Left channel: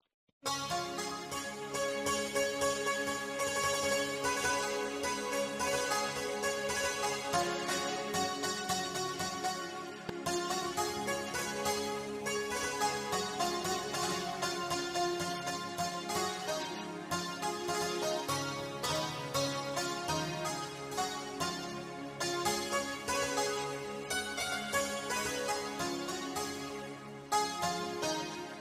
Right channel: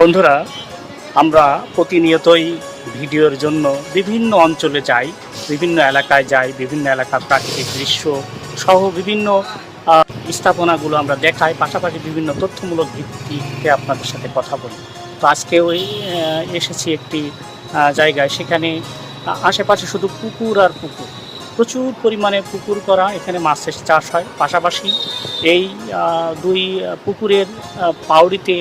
বন্ধুরা, আমরা প্রতিনিয়তই ভিডিওর জন্য বিভিন্ন অঞ্চলে যাই, বিভিন্ন এলাকায় যাই, বিভিন্ন এলাকার প্রাকৃতিক দৃশ্য সহ বিভিন্ন স্থাপনাগুলো আমরা দেখাই, পাশাপাশি বিভিন্ন তথ্যমূলক ভিত্তিতে আপনাদের সাথে কথা বলি। তো আজকে ওই এসেছি একটি জায়গায়, সেখানে আশেপাশে শুধু পুকুর আর পুকুর, প্রচুর পরিমাণে পুকুর করা, এখানে মাছের চাষ হয়। পাশাপাশি এই দুই পুকুরের পাউড়িতে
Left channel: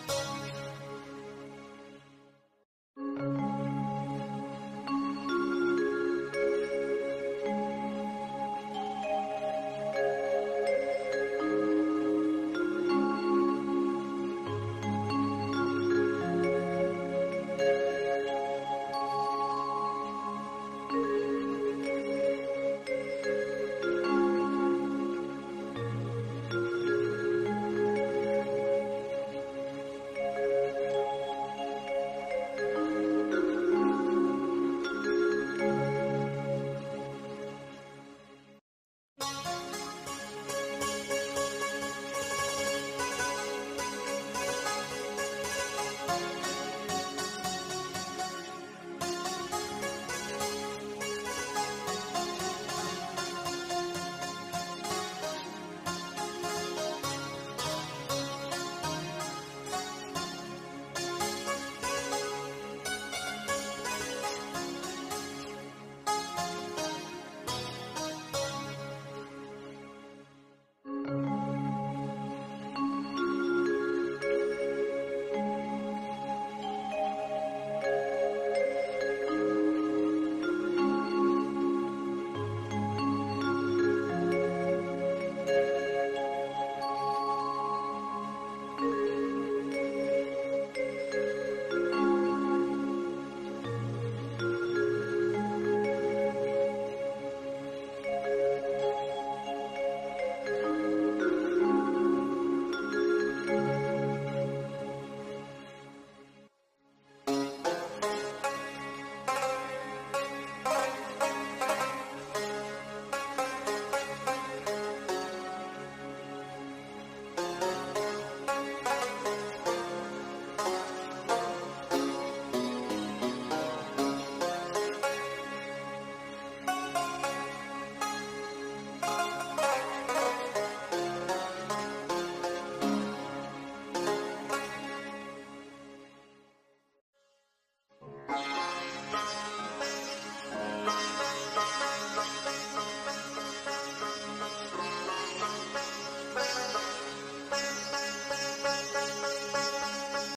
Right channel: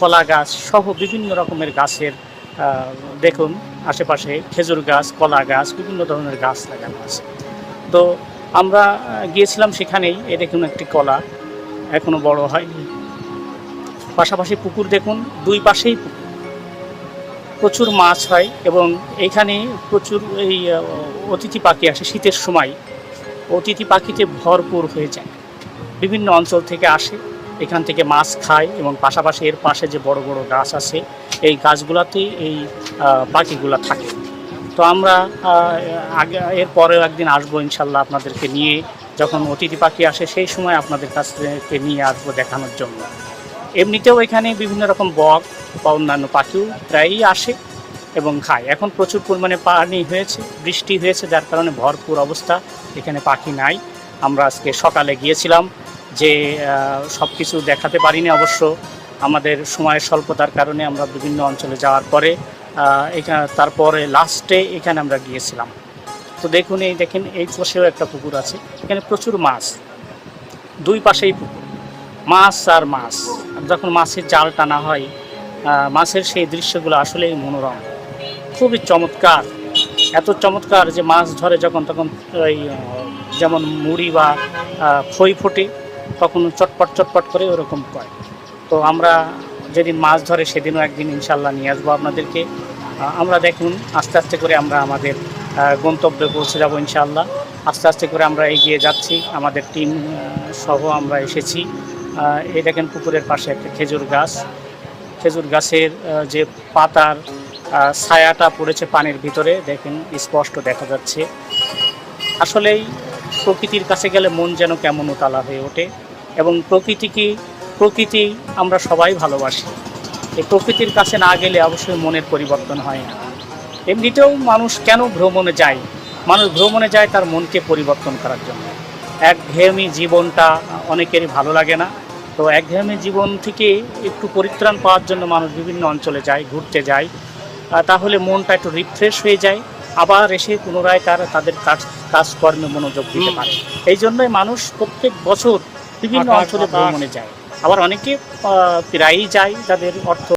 কলা গাছ সহ বিভিন্ন রকমের গাছের দেখুন আশেপাশে খেজুর গাছ, কলা গাছ, বিভিন্ন ধরনের গাছ লাগানো আছে। তো আমরা গিয়েছিলাম সেখানেই। এই দেখুন একটি কলা, এখনো বড় হয়নি। পাশাপাশি পুকুর দেখুন, দুই পাশেই প্রচুর মাছ হয় এবং এইখানে প্রচুর এই অতিথি পাখি আসে। শীতের সময় অতিথি পাখিতে ভরপুর হয়ে যায়, বিভিন্ন অঞ্চল থেকে আসে, এখান থেকে মাছ খায় এবং পাশাপাশি এর পাশে যে বড় বড় গাছ আছে, এই গাছগুলোতে এই পাখিগুলো থাকে। তো আমরা আগে এর পরেও একদিন আসবো ইনশাল্লাহ, আপনাদেরকে নিয়ে, যখন অতিথি পাখি আসে সেই সময় আপনাদের কাছ থেকে নিয়ে আসবো দেখানোর জন্য। এমনিতেও এখানে বিভিন্ন রকম বক বা অন্যান্য পাখিও প্রায়ই আসে এবং খায়। এখন প্রচুর পরিমাণে পানি হয়েছে, বৃষ্টি হয়েছে, যার কারণে ভরপুর অবস্থা, এখানে পাখি নাই। আমরা আজকে সকালে গিয়েছিলাম, যে সব কিছু দেখাতে পারিনি অবশ্য, আমাদের সময়ের স্বল্পতার কারণে। আমরা বিভিন্ন অঞ্চলে যাওয়ার পরে এখানে তারপরে লাস্টে এখানে আমরা গিয়েছিলাম। তো দেখুন, দেখেন এই পাশেও একটা পুকুর আছে, এখানে প্রচুর মাছ, দুই পাশেই পুকুর, মাছ আর মাছ। যখন মাছের জাল টানা হয়, মাছের সেই দৃশ্যগুলো আসলেই মনোরম, খুবই চমৎকার। এত চমৎকার যে মাছ ধরে যখন তখন ওই যেমন মুড়ি বা খই ফোটে, তখন চটপট চটপট করে ওরকম হয়। তো আমরা যেদিন মাছ ধরে সেদিনও একদিন ইনশাল্লাহ নিয়ে আসবো আপনাদেরকে। আমরা দেখুন আস্তে আস্তে করে আমরা আমাদের গন্তব্যে পৌঁছে যাবো ইনশাল্লাহ। আস্তে আস্তে করে আমরা এগিয়ে যাচ্ছি, আমাদের টিম সহ আমরা এসেছি। এই দেখেন পুকুরের পাশে একটা খেজুর গাছ, খেজুর গাছের যে পাতার ছায়াটা পড়েছে পানির ভিতরে, দেখেন স্পষ্ট দেখা যাচ্ছে। আসলেই প্রকৃতির কাছে গেলে মন যেন কেমন উতালা হয়ে ওঠে এবং প্রকৃতি আমরা সবাই ভালোবাসি। এই প্রকৃতির কাছে না গেলে অবশ্যই মনের পরিবর্তন হয় না। এমনিতেও মানুষ কেন ভ্রমণে যায়? মানুষ ভ্রমণে যায় তার মনকে পরিবর্তন করার জন্য। একঘেয়েমি জীবনটা অনেকেরই ভালো লাগে না। তো একঘেয়েমি জীবন থেকে একটু পরিত্রাণ পাওয়ার জন্য মানুষ বিভিন্ন অঞ্চলে যায়, ঘুরতে যায়, তাহলে মনটা একটু রিফ্রেশ হয়ে যায়, আবার এসে পুনরায় তাদের কাজকর্মে মনোযোগ দিতে পারে। এই জন্যই মানুষ প্রত্যেক বছর বিভিন্ন অঞ্চলে ভ্রমণে যায়। আবার অনেকে প্রায়ই যায়, যাদের অর্থ